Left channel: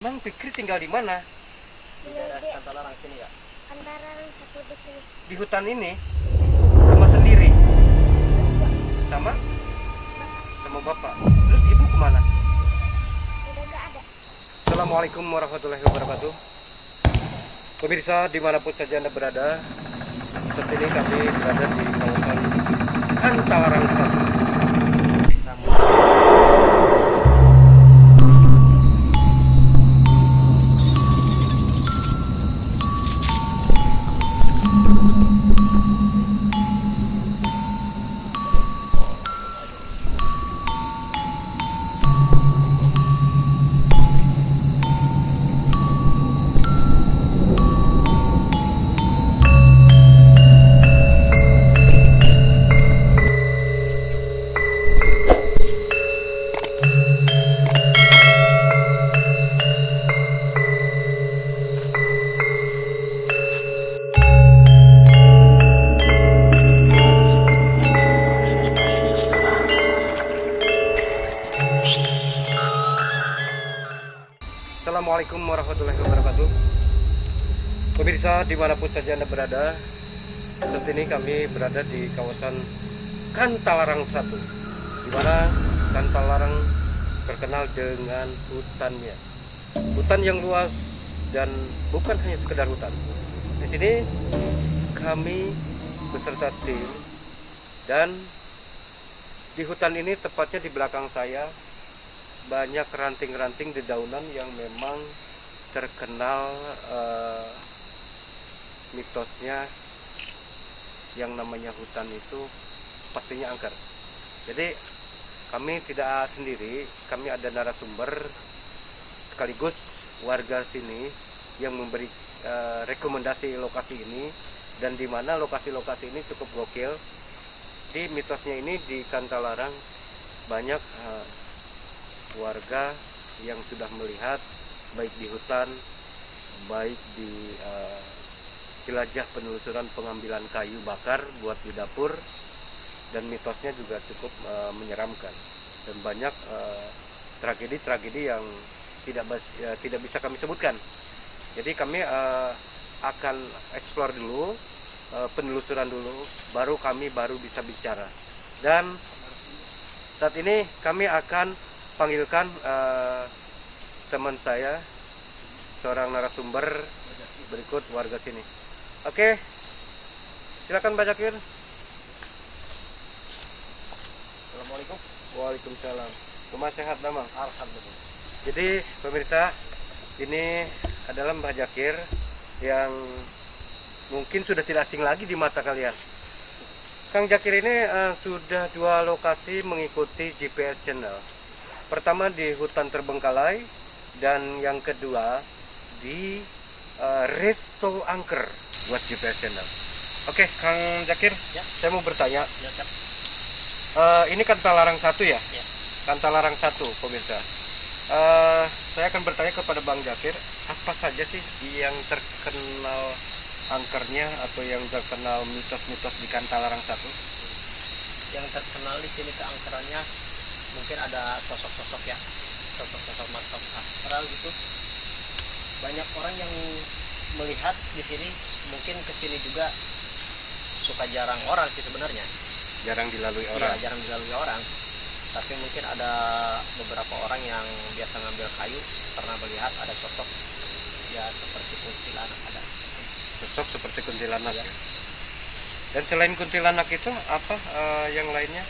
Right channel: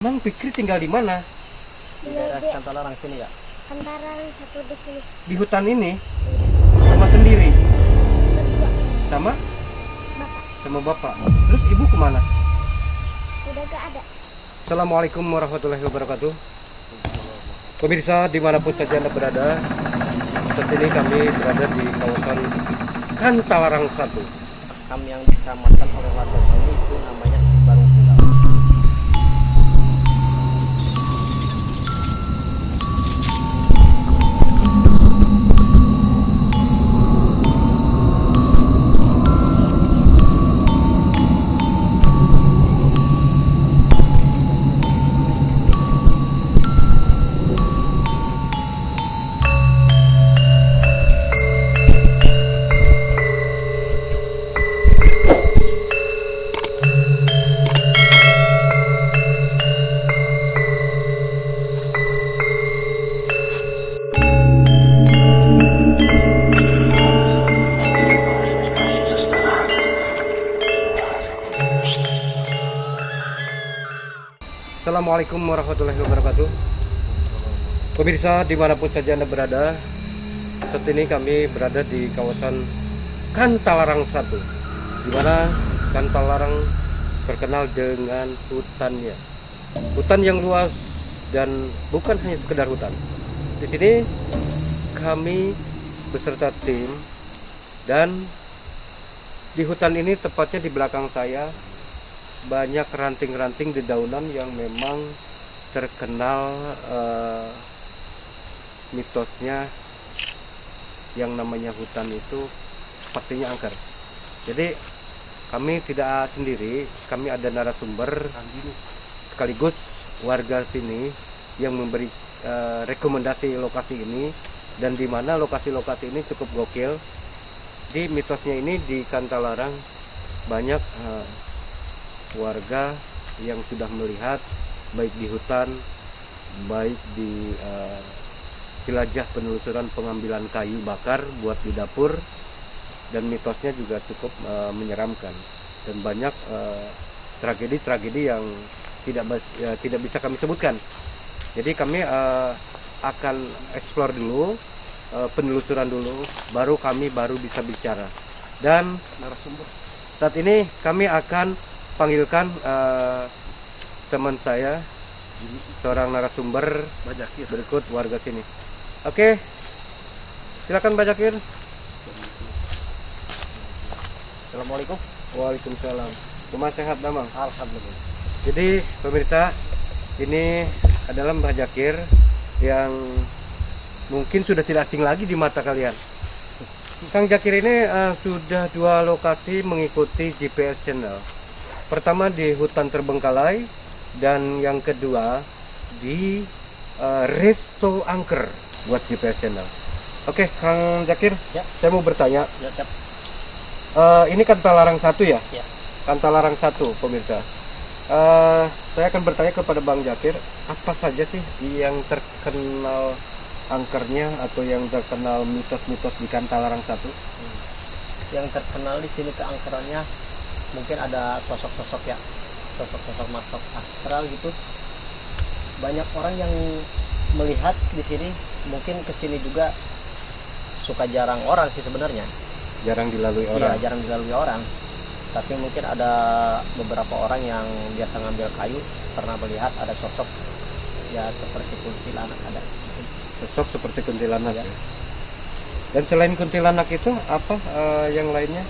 Mang Fikri tinggal di mana? Di daerah Kantalarang sini ya. Kantaran satu di sini. Di hutan ini? Sama sendiri? Berdua. Sama? Bapak Sama bapak. Terus ibu kemana? udah gak ada. Assalamualaikum warahmatullahi wabarakatuh. Pemirsa dimanapun saja Anda berada, saat ini kami berada di kawasan Kantalarang 1. Assalamualaikum warahmatullahi wabarakatuh. Pemirsa dimanapun saja Anda berada, saat ini kami berada di kawasan Kantalarang 1, di mana Kantalarang terkenal dengan hutannya. Hutan yang luas dan bukan hanya sekedar hutan. Di sini kami beserta tim, dan di hutan ini tepatnya di belakang saya banyak ranting-ranting dedaunan yang memang terkenal mitosnya yang namanya hutan itu pastinya angker. Jadi kami tidak sendiri, kami ada narasumber sekaligus warga sini yang memberi rekomendasi lokasi ini, dan di mana lokasi-lokasi ini cukup gokil. Di mitosnya ini di Kantalarang banyak warga yang sudah melihat baik di hutan, baik di jelajah penelusuran pengambilan kayu bakar buat di dapur, dan mitosnya juga cukup menyeramkan, dan banyak tragedi-tragedi yang tidak bisa kami sebutkan. Jadi kami akan explore dulu, penelusuran dulu, baru kami bisa bicara. Dan narasumber saat ini kami akan panggilkan teman saya, seorang narasumber berikut warga sini. Oke, silakan Mbak Jakir. Assalamualaikum. Waalaikumsalam. Rumah sehat Damang? Alhamdulillah. Jadi pemirsa, ini adalah Mbak Jakir yang mungkin sudah tidak asing lagi di mata kalian. Kang Jakir ini sudah 2 lokasi mengikuti GPS channel. Pertama di hutan terbengkalai, dan yang kedua di Resto Angker buat GPS channel. Oke, Kang Jakir, Ya. saya mau bertanya. Ya, siap. Ini Kantalarang 1 ya? Ya. Kantalarang 1, pemirsa. Saya akan bertanya kepada Bang Jakir, apa saja sih yang terkenal angkernya atau yang terkenal mitos-mitos di Kantalarang 1? Yang terkenal di sini keangkerannya mungkin ada sosok-sosok ya, sosok-sosok makhluk astral gitu. Banyak orang yang melihat di sini, mungkin ke sini juga suka jarang orang sih sebenarnya. Jarang dilalui orang. Iya, jarang dilalui orang. Tapi mungkin ada beberapa orang yang biasa ngambil kayu pernah melihat ada sosok ya seperti kuntilanak ada. Sosok seperti kuntilanak Ya. ya. Dan selain kuntilanak itu apa yang lainnya?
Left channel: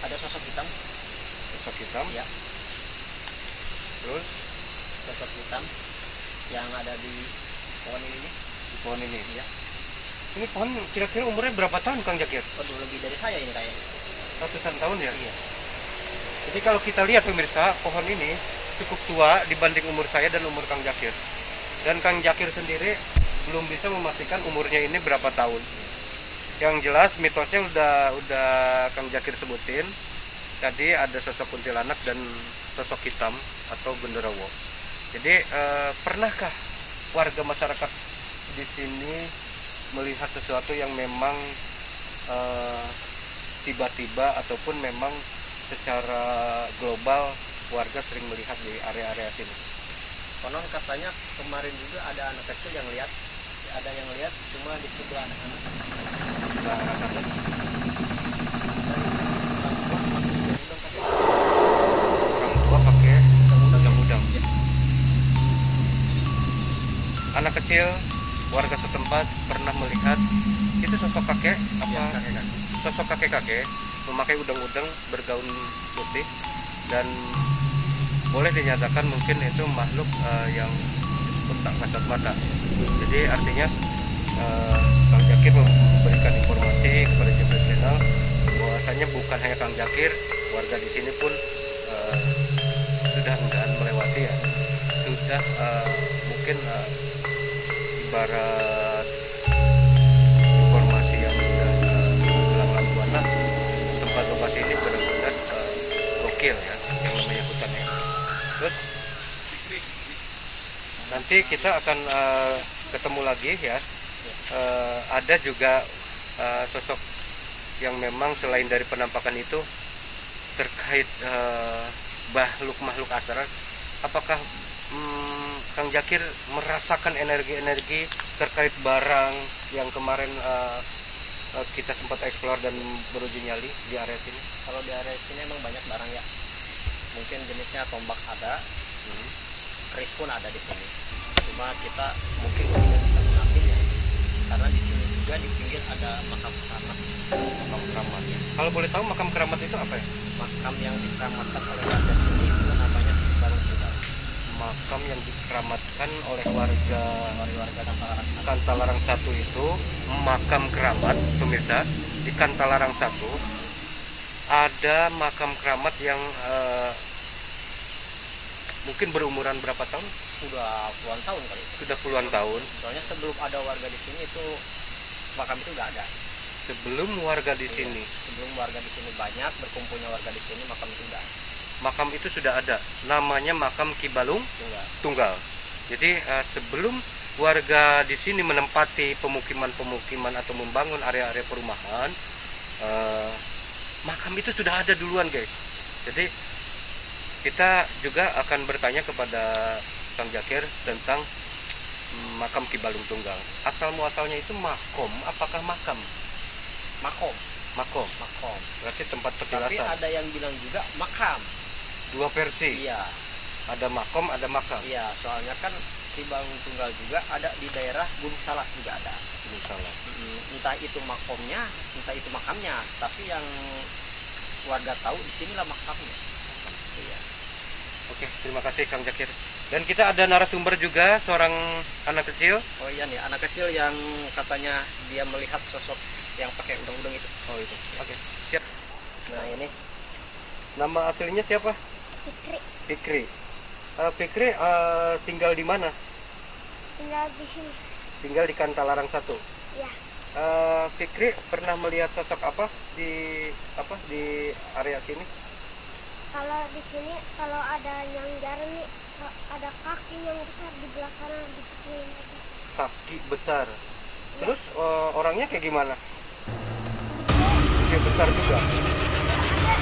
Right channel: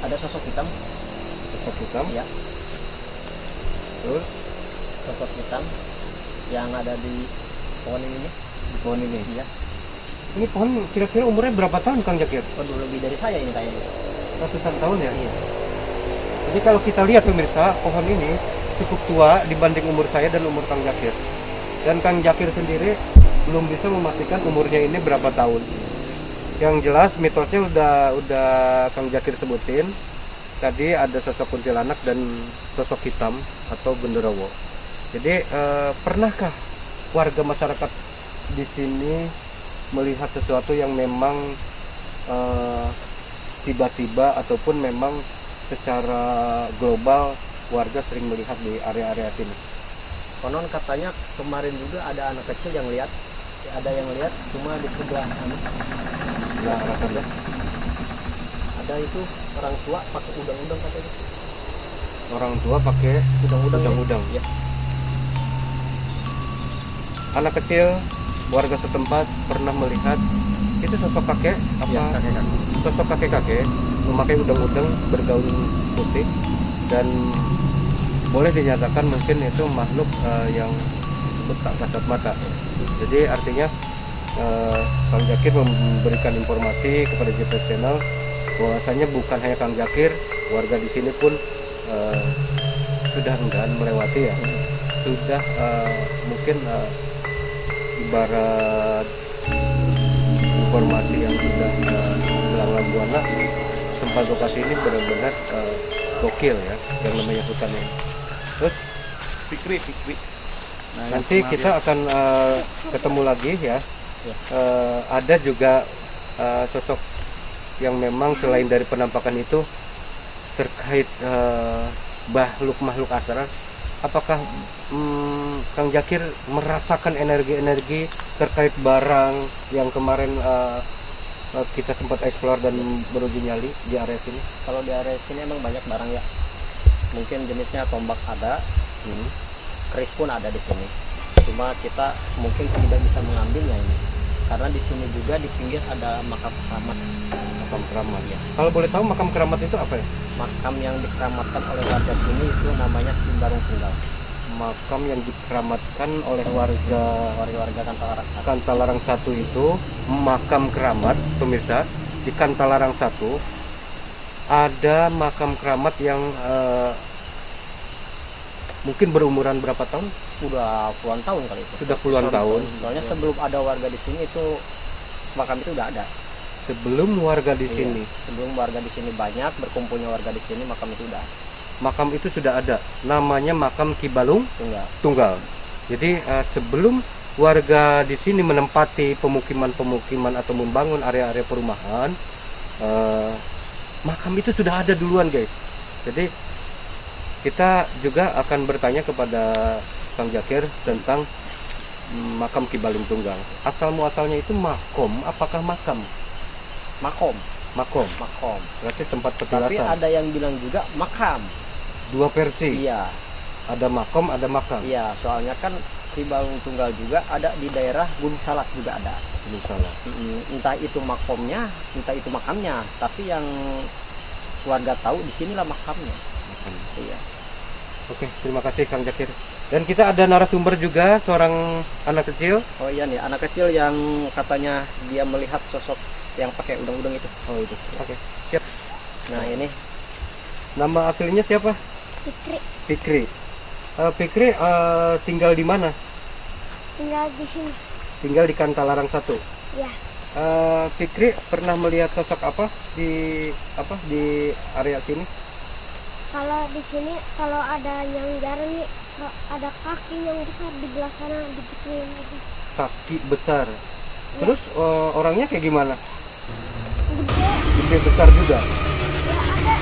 Ada sosok hitam. Sosok hitam. Ya, Terus sosok hitam yang ada di pohon ini. di pohon ini. Iya. Ini pohon kira-kira umurnya berapa tahun Kang Jakir? Waduh, lebih dari saya ini kayaknya. Ratusan tahun ya? Iya. Jadi kalau kita lihat pemirsa, pohon ini cukup tua dibanding umur saya dan umur Kang Jakir. Dan Kang Jakir sendiri belum bisa memastikan umurnya ini berapa tahun. Yang jelas mitosnya udah Kang Jakir sebutin. Tadi ada sosok kuntilanak dan sosok hitam atau genderuwo. Jadi pernahkah warga masyarakat di sini melihat sesuatu yang memang tiba-tiba ataupun memang secara global warga sering melihat di area-area sini? Konon katanya kemarin juga ada anak kecil yang lihat, ada yang lihat cuma di sebelah sana. Nah, alasannya Ada itu orang tua pakai udang-udang katanya. orang tua pakai udang-udang. Ya. Anak kecil warga setempat pernah melihat itu sosok kakek Ya, kakek-kakek. sosok kakek-kakek memakai udang-udang bergaun putih, dan boleh dinyatakan mungkin itu makhluk yang disebut tak kasat mata. Jadi artinya Kang Jakir memberikan informasi kepada JP Channel bahwasanya bukan hanya Kang Jakir, warga di sini pun sudah enggan melewati ya, sudah mungkin ibarat informasi yang sudah melanglang buana. Tempat lokasi ini benar-benar gokil ya, yang namanya hutan ya. Terus Fikri. nanti kita akan ketemu lagi ya. Ada juga sosok yang memang selain dari penampakan itu terkait makhluk asrar. Apakah Kang Jakir merasakan energi-energi terkait barang yang kemarin kita sempat eksplor dan beruji nyali di area sini? Kalau di area sini emang banyak barang ya. Mungkin jenisnya tombak ada, keris pun ada di sini. Cuma kita mungkin tidak bisa mengambilnya ini. Karena di sini juga di pinggir ada makam keramat. Makam keramat ya. Kalau boleh tahu makam keramat itu apa ya? Makam yang dikeramatkan oleh warga sini itu namanya Simbarung Tunggal. Makam yang dikeramatkan oleh warga Warga Kantalarang. Kantalarang 1 itu makam keramat, pemirsa. Di Kantalarang 1 ada makam keramat yang mungkin berumuran berapa tahun? Udah puluhan tahun kali itu. Sudah puluhan tahun. Soalnya sebelum ada warga di sini itu makam itu udah ada. Sebelum warga di Iya, sini, sebelum warga di sini banyak, berkumpulnya warga di sini, makam itu udah makam itu sudah ada. Namanya makam Ki Balung tinggal. Tunggal. Jadi sebelum warga di sini menempati pemukiman-pemukiman atau membangun area-area perumahan, makam itu sudah ada duluan, guys. Jadi kita juga akan bertanya kepada Kang Jakir tentang makam Ki Balung Tunggal. Asal muasalnya itu makom, apakah makam? Makom. Makom. Berarti tempat Tapi petilasan. ada yang bilang juga makam. Dua versi. Iya, Ada makom, ada makam. iya. Soalnya kan Ki Balung Tunggal juga ada di daerah Gunung Salak juga ada. Ini salah. Entah itu makomnya, entah itu makamnya. Tapi yang warga tahu di sinilah makamnya. Makam. Iya. Oke, terima kasih Kang Jakir. Dan kita ada narasumber juga, seorang anak kecil. Oh iya nih, anak kecil yang katanya dia melihat sosok yang pakai udang-udang itu. Oh itu. Oke. Siap. Nah ini Nama aslinya siapa? Fikri Fikri. Fikri tinggal di mana? tinggal di sini. Tinggal di Kantalarang 1. Ya, Fikri pernah melihat sosok apa di area sini? kalau di sini kalau ada yang jarang nih, ada kaki yang besar di belah sana digituin aja. Kaki besar. Terus orangnya kayak gimana? Gede. Gede besar juga. Ya ada.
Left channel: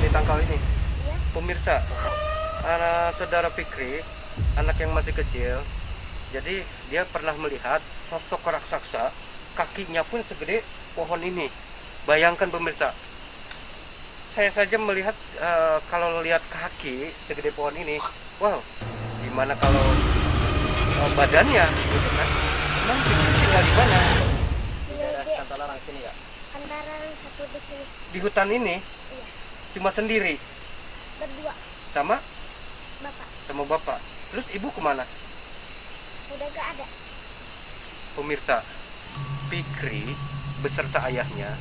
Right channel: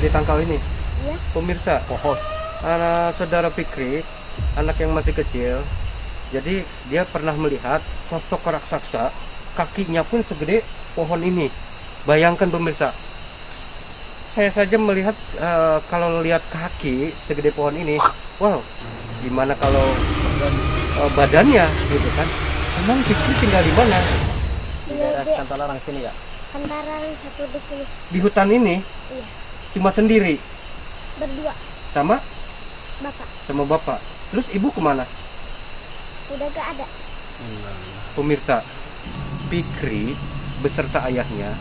Di tangkal ini. Ya, Pemirsa, saudara Fikri, anak yang masih kecil, jadi dia pernah melihat sosok raksasa, kakinya pun segede pohon ini. Bayangkan pemirsa, saya saja melihat kalau lihat kaki segede pohon ini, wow, gimana kalau badannya, gitu kan? Emang Fikri tinggal di mana? di tinggal daerah di Kantalarang sini ya. Kantaran 1 di sini. Di hutan ini, Iya, cuma sendiri, berdua sama bapak. bapak. Terus ibu kemana? Udah gak ada. Pemirsa, Fikri beserta ayahnya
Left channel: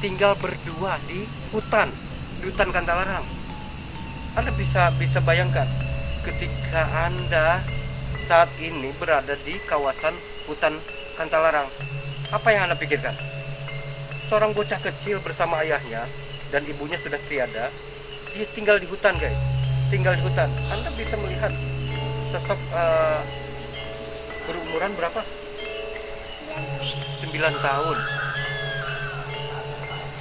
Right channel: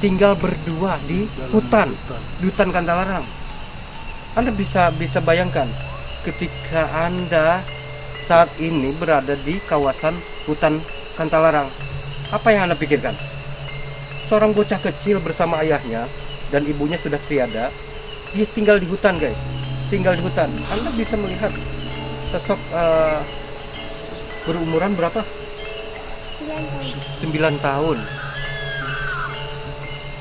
tinggal berdua di hutan Kantalarang. Anda bisa bayangkan ketika Anda saat ini berada di kawasan hutan Kantalarang, apa yang Anda pikirkan? Seorang bocah kecil bersama ayahnya dan ibunya sudah tiada, dia tinggal di hutan, guys. Tinggal di hutan. Anda bisa melihat sosok berumuran berapa? 9 tahun. 9 tahun.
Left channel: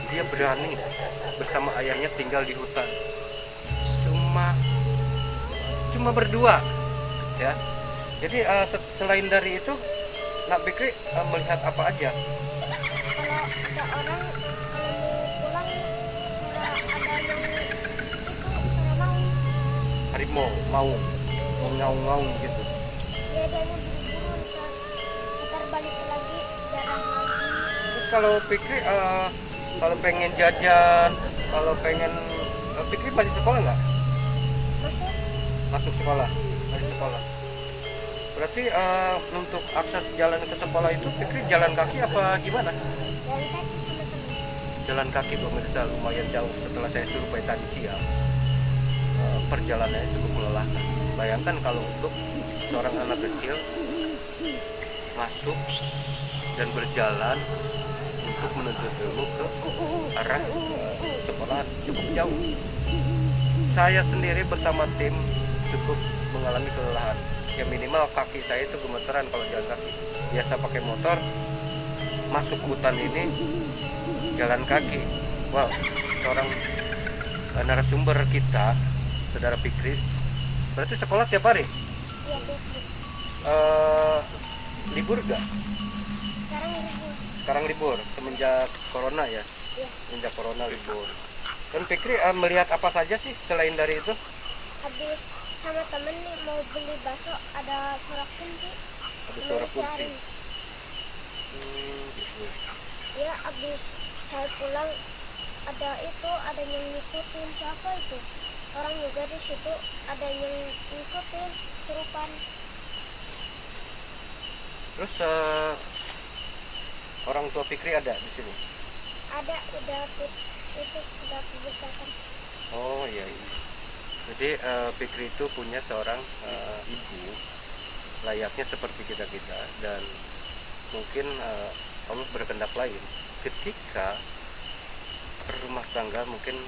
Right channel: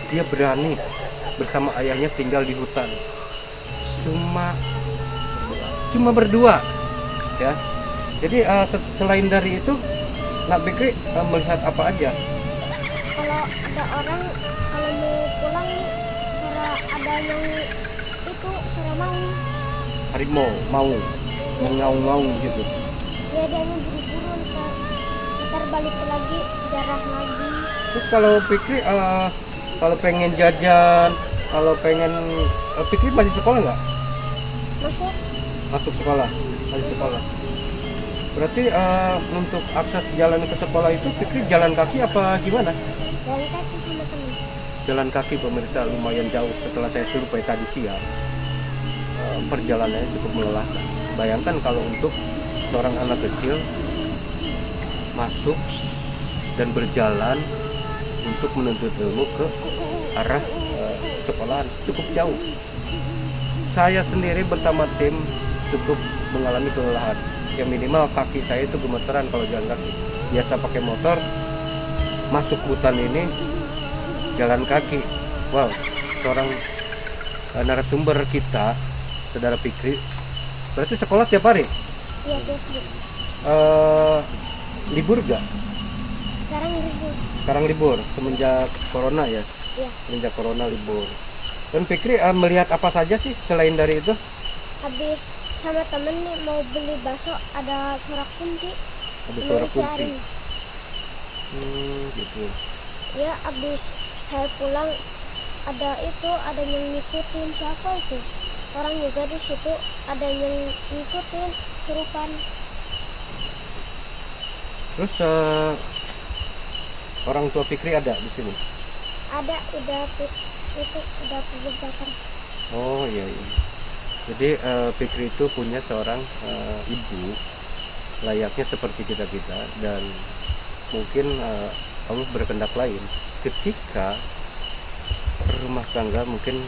Dia berani bersama ayahnya tinggal di hutan. Cuma berdua ya. Jadi selain dari itu Nak Fikri melihat apa aja? Kalau ada orang kalau mau pulang suara ada yang itu suara Harimau mau ngaung-ngaung gitu. dia buru-buru ntar balik lagi jarah lagi. Terus kalau Fikri kalau pengen jajan, kalau pengen Fikri masih sekolah nggak? Masuk sekolah, masih sekolah. Berarti untuk akses jalan ke sekolah itu Fikri jalan kaki apa gimana? Jalan kaki sama teman. Jalan kaki pemirsa, lumayan jauh. Setelah saya survei tadi siang, perjalanannya cukup melelahkan. Bayangkan kalau untuk seorang anak kecil masuk dan berjalan untuk menuntut ilmu ke arah sekolahan cukup jauh. Saya sendiri bersama tim cukup mengalami kelelahan. Ya minimal kaki saya itu gemeteran kalau jalan kaki. Biasa pakai motor, masuk hutan ini jalan kaki. Wow, seorang narasumber kita, saudara Fikri, berarti sekolah tiap hari? Iya tiap hari. Libur gak? Sekarang libur. Sekarang libur, semenjak corona ya? Iya. Semenjak corona libur. Dan Fikri melihat apa saja sih selain dari itu? Habis sama temen nih mau beli bakso ada suara kunci. Ada suara kunci. Dicari. Gitu. Ya habis saya pulang ada yang ngikutin siapa itu orang juga di situ ada yang ngikutin serupan. Terus orang tua Fikri ada di sini? Ada udah pembebasan. Oh iya. Jadi Fikri itu punya seorang ibu layaknya seperti kita dan mungkin Allah berkehendak lain ketika rumah tangga mungkin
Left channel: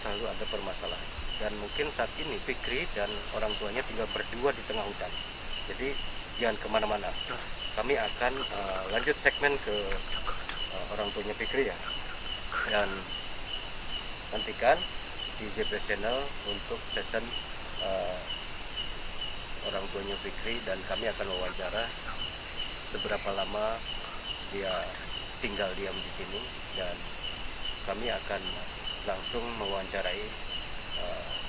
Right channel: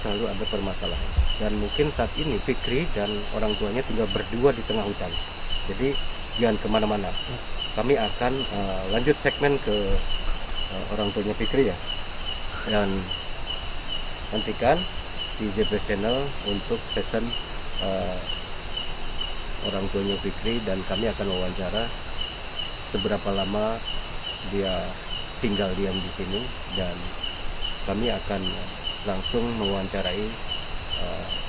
selalu ada permasalahan dan mungkin saat ini Fikri dan orang tuanya tinggal berdua di tengah hutan. Jadi jangan kemana-mana. Kami akan lanjut segmen ke orang tuanya Fikri ya, dan nantikan di JP Channel untuk season orang tuanya Fikri, dan kami akan wawancara seberapa lama dia tinggal diam di sini, dan kami akan langsung mewawancarai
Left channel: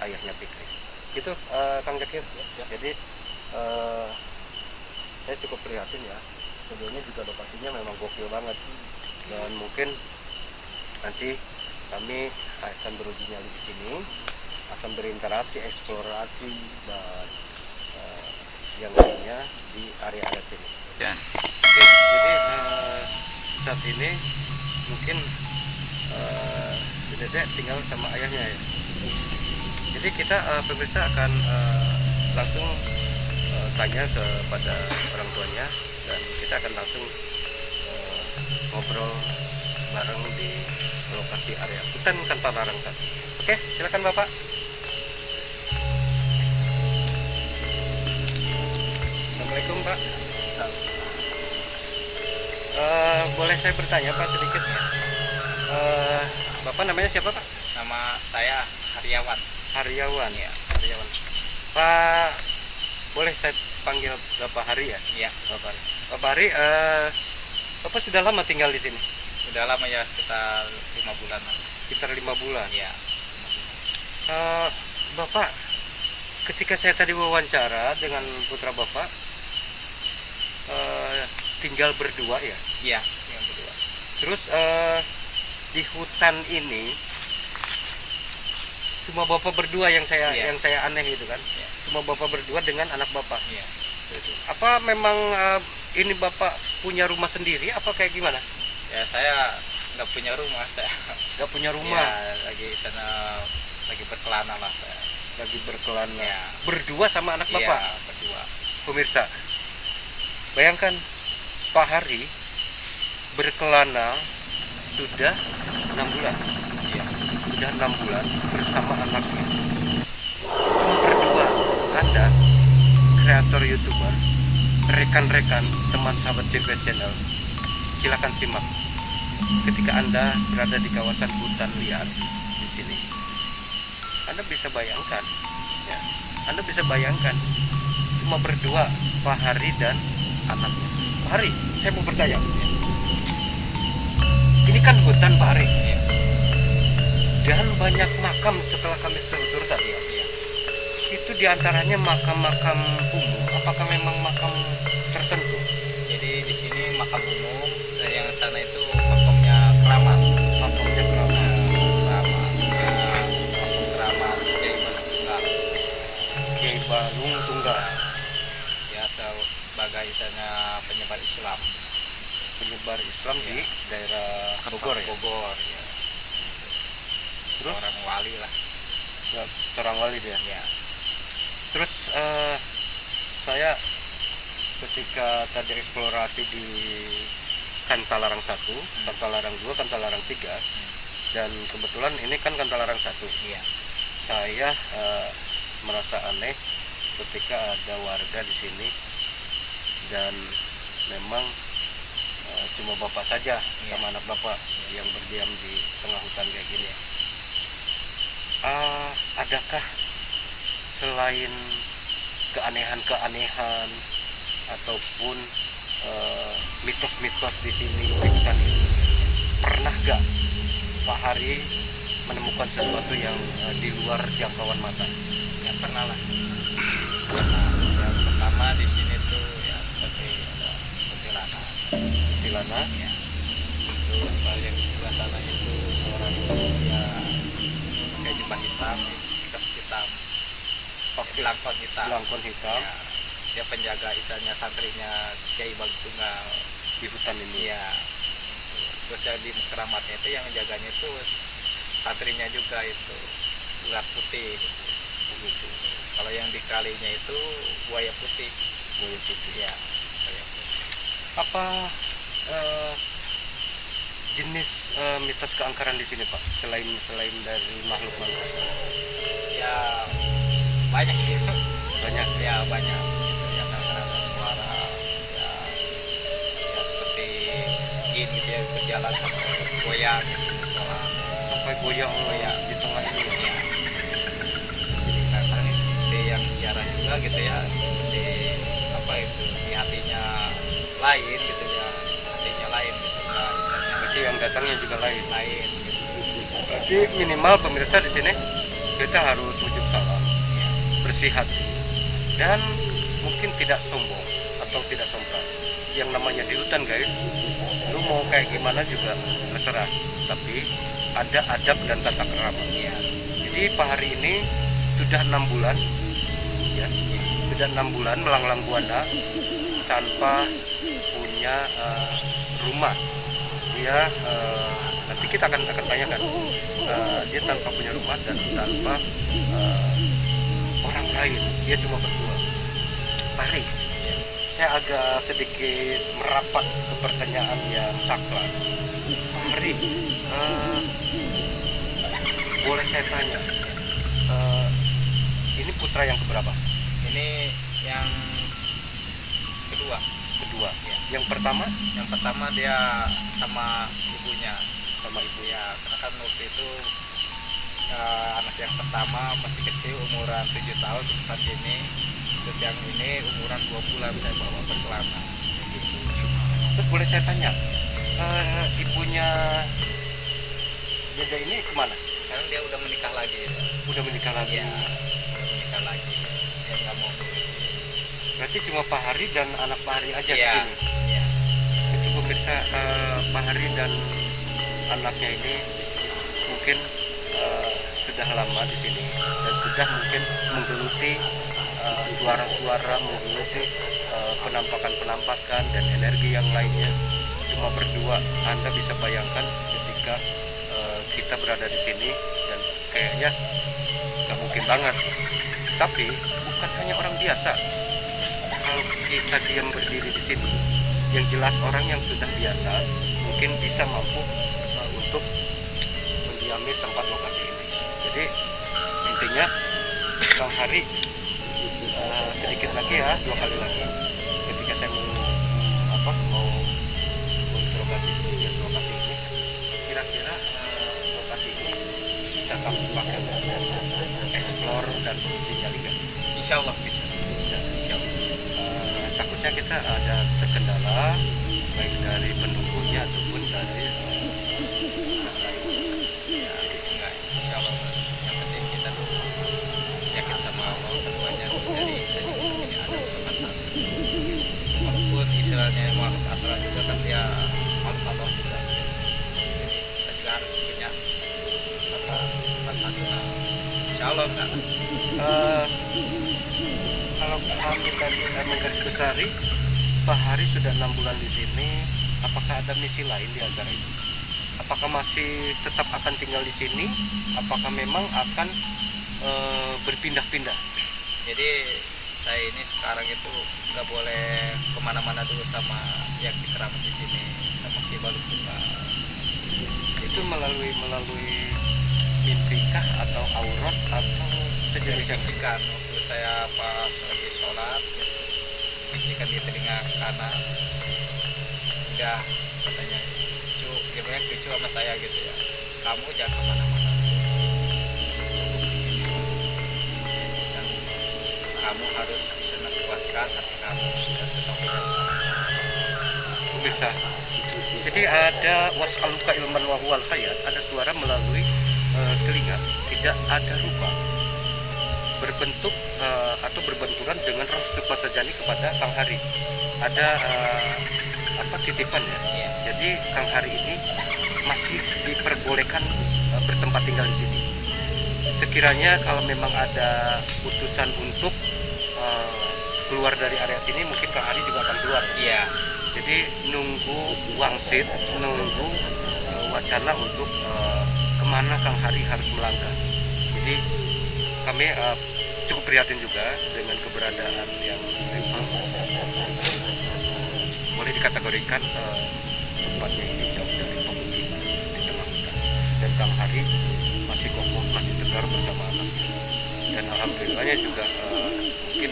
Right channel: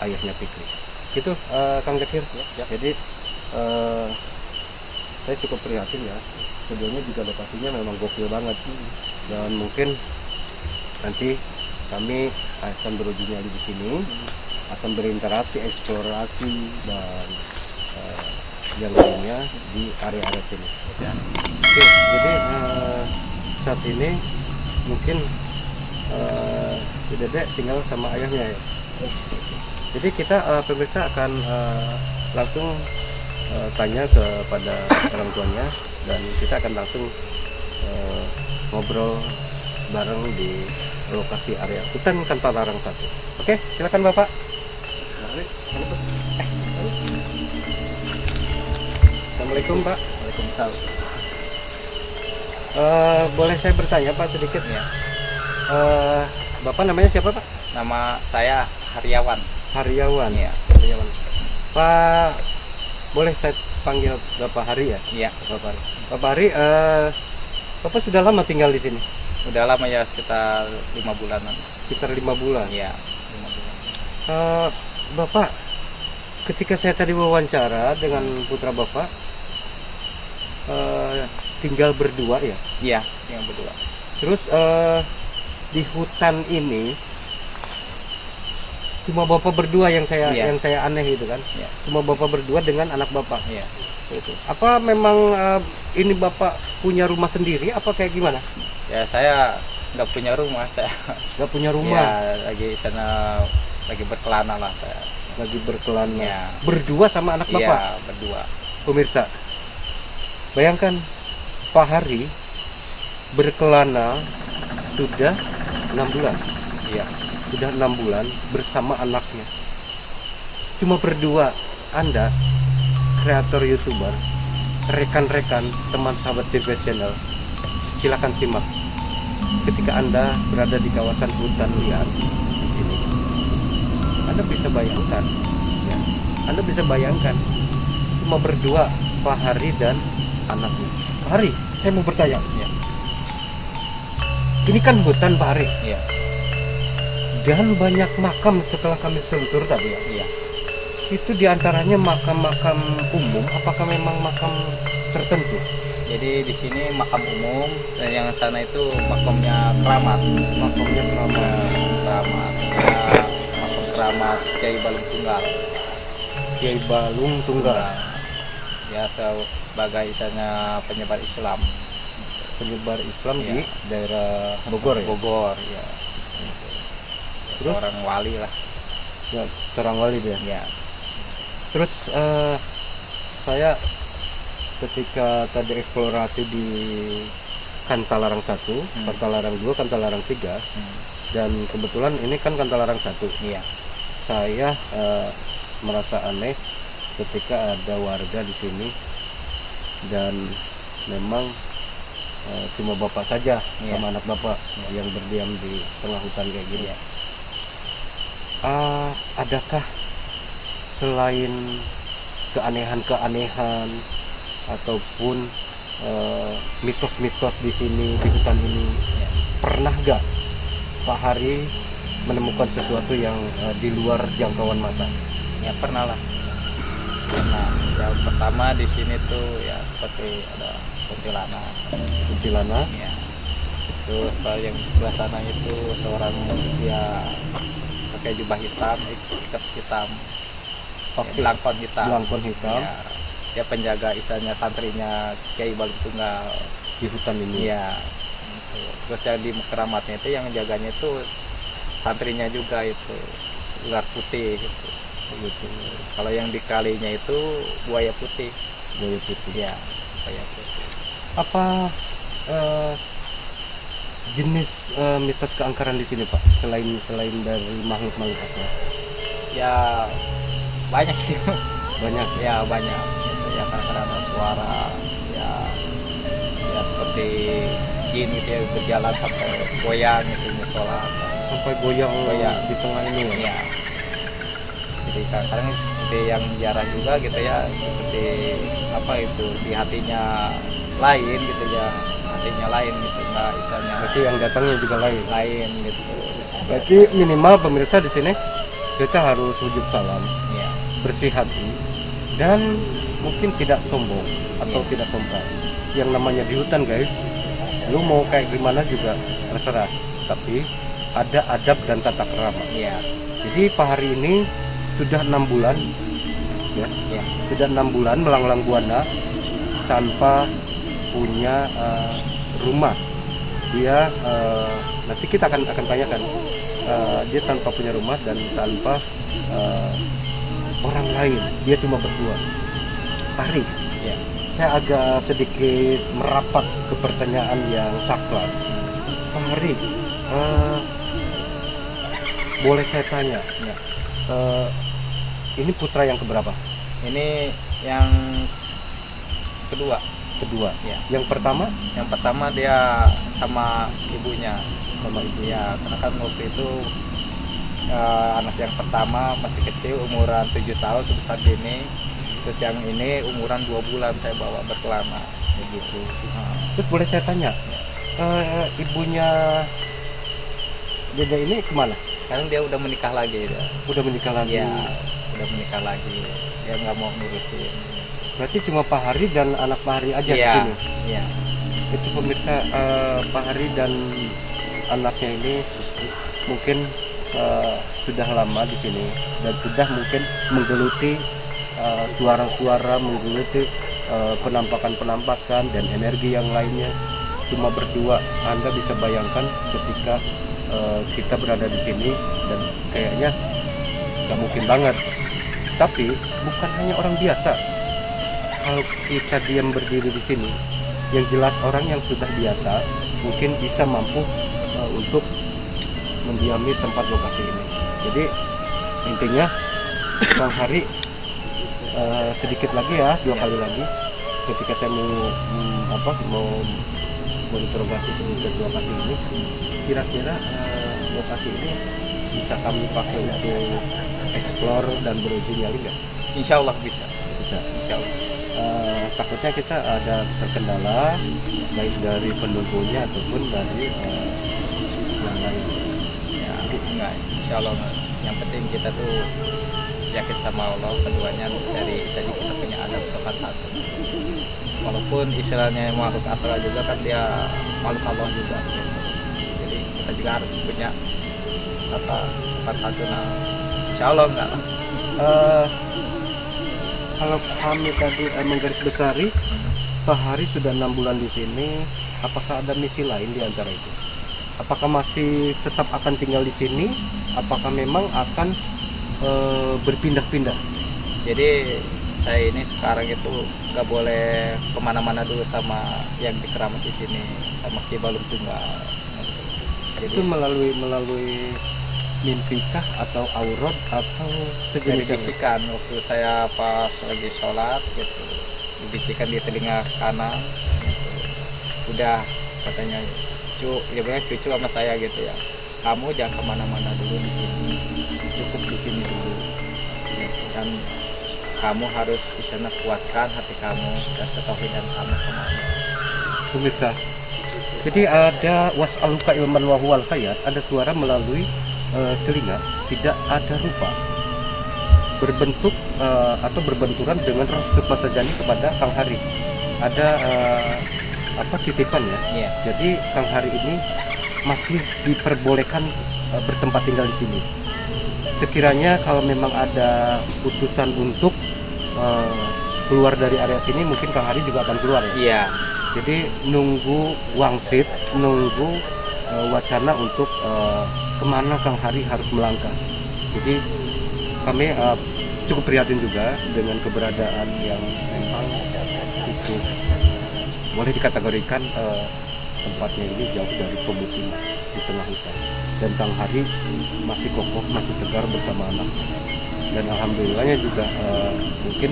ayahnya Fikri. Itu Kang Zakir ya. Jadi saya cukup prihatin ya, studionya juga lokasinya memang gokil banget, dan mungkin nanti kami akan beruji nyali di sini, akan berinteraksi, eksplorasi dan yang lainnya di area-area sini. Oke, jadi saat ini mungkin Dede tinggal sama ayahnya ya. Jadi kita pemirsa akan langsung tanya kepada orang tuanya, dan kita akan langsung ngobrol bareng di lokasi area hutan tanpa larang satu. Oke, silakan Bapak. Assalamualaikum Pak. Waalaikumsalam. Boleh saya bertanya Pak sedikit ya? Bapak namanya siapa Pak? Nama saya Haryawan. Haryawan. Ya. Haryawan. Pak, boleh saya panggil Bapak Hari ya? Iya. Bapak Hari, Bapak sudah lama tinggal di sini? Udah lama ya, sekitar 5 bulanan. Sekitar 5 bulan. Iya, 5 bulan. Bapak, ketika saya tadi wawancara dengan putra Bapak, tinggal berdua ya? Iya, yang berdua. Terus di hutan ini cuma Bapak berdua yang saya aneh gitu kan? Iya. Cuma Bapak berdua dengan anak Bapak. Iya. Gitu. Apa memang ini Bapak punya rumah sendiri apa kayak gimana? Ya saya nggak punya rumah, saya Nggak punya rumah. ya lagi sana lagi berkelana lah saya. Lagi berkelana. Ya. Berdua sama anak Iya, Bapak. berdua. Pemirsa, bayangkan Pak Hari berkelana sudah 6 bulan. Iya. Sudah 6 bulan bersama anaknya. Cuma berdua. Anda, kreator YouTuber, rekan-rekan, teman sahabat JP Channel, silakan simak. Ketika Anda berada di kawasan hutan liar, Anda bisa bayangkan, ya, Anda bisa bayangkan cuma berdua, Pak Hari dan anaknya. Pak Hari, saya mau bertanya, Ya. ini kan hutan Pak Hari, Iya. dan banyak makam setelah kami telusur tadi. Iya. Itu diantaranya makam-makam umum, apakah memang makam tertentu? Jadi di sini makam umum, dan yang sana itu makamnya keramat. Makamnya keramat. Keramat. Ya, makam keramat Kiai Balung Tunggal. Kiai Balung Tunggal, Ya sebagai istilahnya penyebar Islam. penyebar Islam Ya. di daerah Bogor ya. Bogor ya. Terus? Orang wali lah. Ya, seorang wali dia. Ya. Terus saya ketika tadi eksplorasi di Kantalarang 1, Kantalarang 2, Kantalarang 3, dan kebetulan ini kan Kantalarang 1. Iya. Saya merasa aneh ketika ada warga di sini dan memang cuma bapak saja sama anak bapak yang berdiam di tengah hutan kayak gini. Adakah selain keanehan-keanehan ataupun mitos-mitos di sini di hutan ini, pernah gak Pak Hari menemukan sesuatu yang di luar jangkauan mata? Ya pernah lah. Nah, yang pertama di sini tuh ya seperti ada kuntilanak. Kuntilanak? Ya. Terus yang di sebelah sana itu seorang manusia pakai jubah hitam, ikat hitam, Pakai belangkon hitam. belangkon hitam Ya. Dia penjaga istilahnya santrinya Kiai Balung Tunggal di hutan ini. ya gitu. Terus yang di keramatnya itu yang jaganya itu santrinya juga itu ular putih gitu. Kalau yang di kalinya itu buaya putih. Buaya putih. Ya, buaya putih. Apa jenis mitos keangkeran di sini Pak, selain dari makhluk-makhluk asal? Ya banyak sih. Banyak. Ya banyak gitu. Ya kadang-kadang ada suara ya, ya seperti jin gitu ya, berjalan sampai goyang gitu musola. Sampai goyang Goyang. di tengah ini ya. Ya. Jadi kadang-kadang seperti yang jarang juga gitu ya, seperti apa itu di hatinya lain gitu ya, hatinya lain gitu, nggak istilahnya Berarti yang datangnya juga lain. lain gitu. Berarti minimal pemirsa di sini kita harus wujud salam, Ya. bersih hati, dan mungkin tidak sombong atau tidak sombong. Yang namanya di hutan guys, lu mau kayak gimana juga terserah, tapi ada adab dan tata krama. Ya. Jadi Pak Hari ini sudah 6 bulan, ya, sudah 6 bulan melanglang buana tanpa punya rumah. Dia nanti kita akan tanyakan, dia tanpa punya rumah dan tanpa orang lain, dia cuma berdua. Pak Hari, Ya. saya agak sedikit merapat ke pertanyaan yang sakral. Pak Hari, boleh saya tanya, ini putra yang keberapa? Ini yang kedua. Kedua. Ya. Yang pertama Yang pertama dia sama ibunya. sama ibu. Ya, karena kan waktu itu anak yang pertama masih kecil, umuran 7 tahun sebesar ini. Terus yang ini umuran 2 bulan saya bawa berkelana begitu. Terus boleh saya tanya, ibunya Dede ini kemana? Sekarang dia udah menikah lagi ya. Udah menikah lagi. Iya, udah menikah lagi. Dia nggak mau ngurusin. Berarti cuma Pak Hari dan anak Pak Hari aja di Iya, sini. iya. Jadi pemirsa, Pak Hari dan anaknya ini mungkin sudah lama di sini dan sudah mungkin menggeluti suara-suara, menggeluti penampakan-penampakan dan energi yang lainnya. Cuma berdua, Anda bisa bayangkan ketika kita berada di sini dan kayaknya nggak mungkin banget. Tapi bukan hanya orang biasa. Kalau kita diam berdiri di sini, yang jelas orang yang sudah biasa mungkin bisa mampu untuk mendiami tempat lokasi ini. Jadi intinya Bang Hari sedikit lagi ya, 2 kali lagi ketika saya mau interogasi sedikit lokasi ini, kira-kira lokasi ini bisa kami pakai untuk explore dan beruji nyali nggak? Insya Allah bisa. Bisa, insya Allah. Takutnya kita ada terkendala baik dari penunggunya ataupun dari yang lain. Ya, enggak, insya Allah. Yang penting kita tuh yakin sama Allah, keduanya dari kita punya adat sopan santun. Walaupun istilahnya makhluk astral juga kan dia makhluk Allah juga. Jadi kita juga harus punya apa sopan santun. Insya Allah enggak lah. Kalau kami tadi menggarisbesari, Pak Hari sudah 6 bulan di sini. Apakah ada misi lain di antara itu? Apakah masih tetap akan tinggal di sini? Apakah memang akan berpindah-pindah? Jadi saya ini sekarang itu nggak boleh kemana-mana dulu sama yang dikeramat di sini sama Ki Balung Tunggal. Jadi Itu melalui mimpikah atau aurat atau sejenis yang dibisikan waktu saya pas lagi sholat gitu, dibisikan di telinga kanan, udah katanya ya banyak cucu sama saya gitu ya, kamu jangan kemana-mana dulu di sini, cukup di sini dulu, dan kamu harus di sana kuatkan hati kamu dan ketauhidan kamu. pemirsa. Jadi ada was'aluka ilman wa huwal hayat, ada suara melalui telinga, tidak ada rupa, berbentuk atau berbenturan dengan roh Supasajani kepada Kang Hari. Ada titipan ya. Iya. Jadi Kang Hari ini masih diperbolehkan bertempat tinggal di sini. Sekiranya kalau memang ada putusan untuk keluar dari area sini, mungkin Kang Hari juga akan keluar ya. Iya. Jadi nunggu wangsit, nunggu wacana untuk kemana Kang Hari harus melangkah. Jadi kami cukup prihatin juga dengan keberadaan yang memang itu boleh dikategorikan tempatnya ini jauh dari pemukiman di tengah hutan. Dan Kang Hari masih kokoh, masih tegar bersama anak. Dan alhamdulillahnya juga mungkin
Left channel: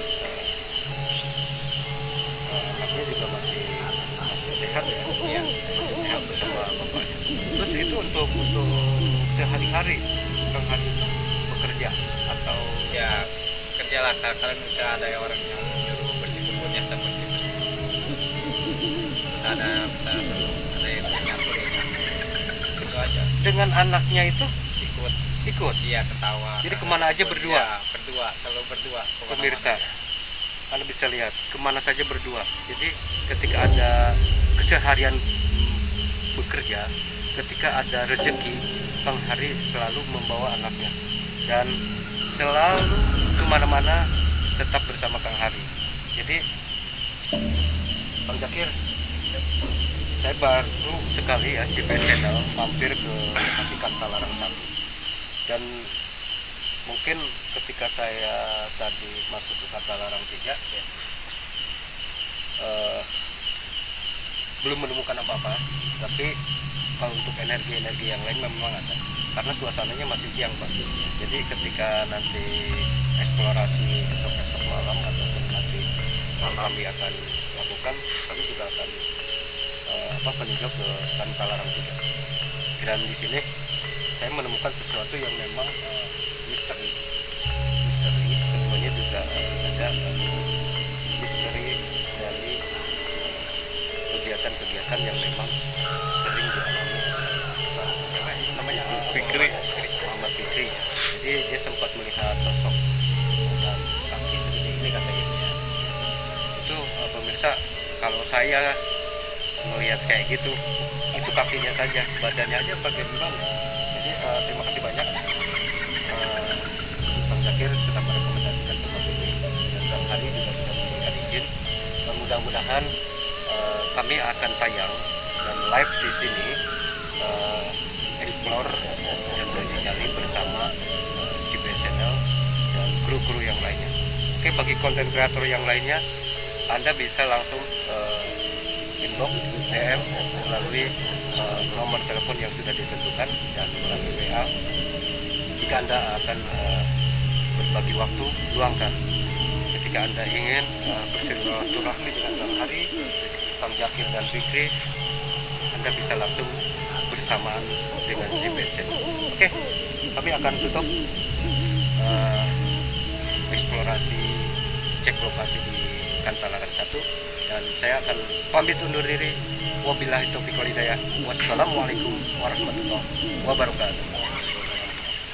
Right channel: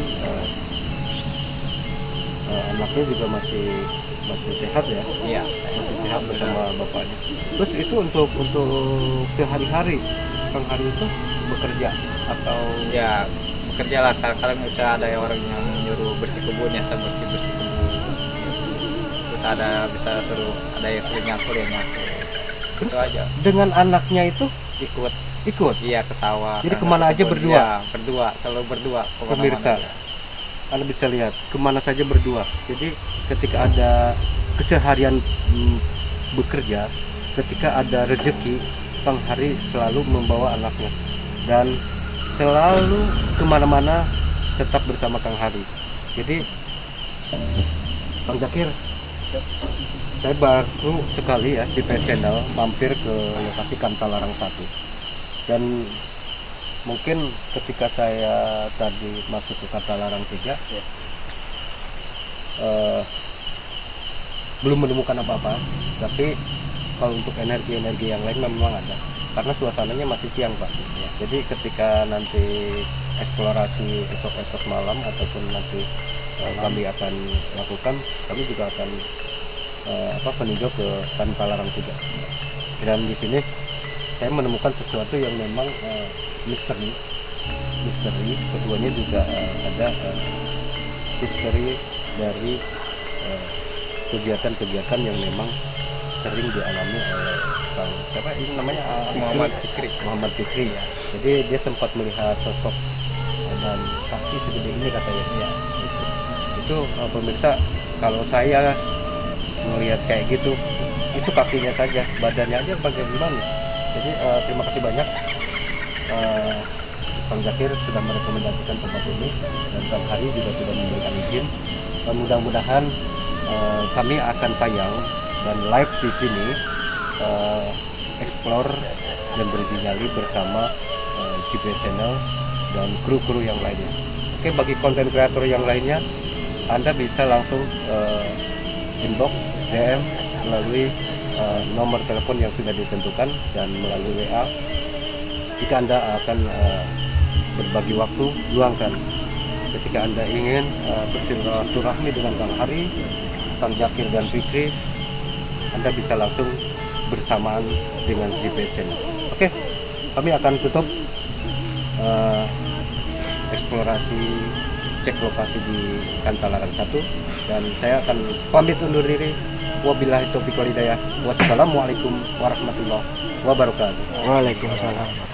anaknya juga masih sehat ya. Iya. Masih sehat bersama bapaknya. Terus itu untuk sehari-hari Kang Hari itu bekerja atau Ya bekerja lah, kadang-kadang bisa ada orang yang nyuruh bersih kebun ya, saya bersih kebun, terus ada bisa suruh ada yang suruh nyakur ya nyakur, itu aja. dengan anaknya itu ikut? Iya, ketawa. Jadi Karena kemana aja kebun. berdua? Iya, berdua, selalu berdua kemana-mana Pemirsa, ya. Anda bisa lihat kemana saja berdua. Jadi ketika ada keseharian bekerja, ketika ada rezeki, Kang Hari selalu membawa anaknya dan selalu kemana-mana tetap bersama Kang Hari. Jadi Bang Zakir, saya baru sekali ya di channel mampir ke lokasi Kantalarang 1, dan mungkin ketika saya tadi masuk ke Kantalarang 3 belum menemukan apa-apa, tapi kalau untuk energi-energi yang lain memang ada, karena suasananya masih siang Pak. Jadi ketika nanti eksplorasi esok-esok malam ataupun nanti kami akan lakukan, kami juga akan meninjau ke Kantalarang 3. Dan di sini saya menemukan sesuatu yang memang misteri. Keduanya juga ada misteri dari kegiatan-kegiatan yang memang sering dialami oleh siapa ini namanya Muhammad Fikri. Jadi dia sempat melihat sosok dan kaki segede ini katanya. Ya, itu pemirsa, kalau saya melihat kayak gitu, itu kakinya saja, badannya aja bagaimana. Jadi terima kasih banyak Bang Zakir sudah merekomendasikan tempat ini, dan Kang Hari juga sudah memberikan izin. Mudah-mudahan kami akan tayang dan live di sini explore dan bersinyali bersama GPS Channel dan kru-kru yang lainnya. Oke, bagi konten kreator yang lainnya, Anda bisa langsung inbox DM melalui nomor telepon yang sudah ditentukan dan melalui WA. Jika Anda akan berbagi waktu, luangkan. Ketika Anda ingin bersilaturahmi dengan Kang Hari, Kang Zakir dan Fikri, Anda bisa langsung bersamaan dengan GPS Channel. Oke, kami akan tutup eksplorasi cek lokasi di Kantalaran 1 dan saya akan pamit undur diri. Wabillahi taufiq wal hidayah. Wassalamualaikum warahmatullahi wabarakatuh. Waalaikumsalam.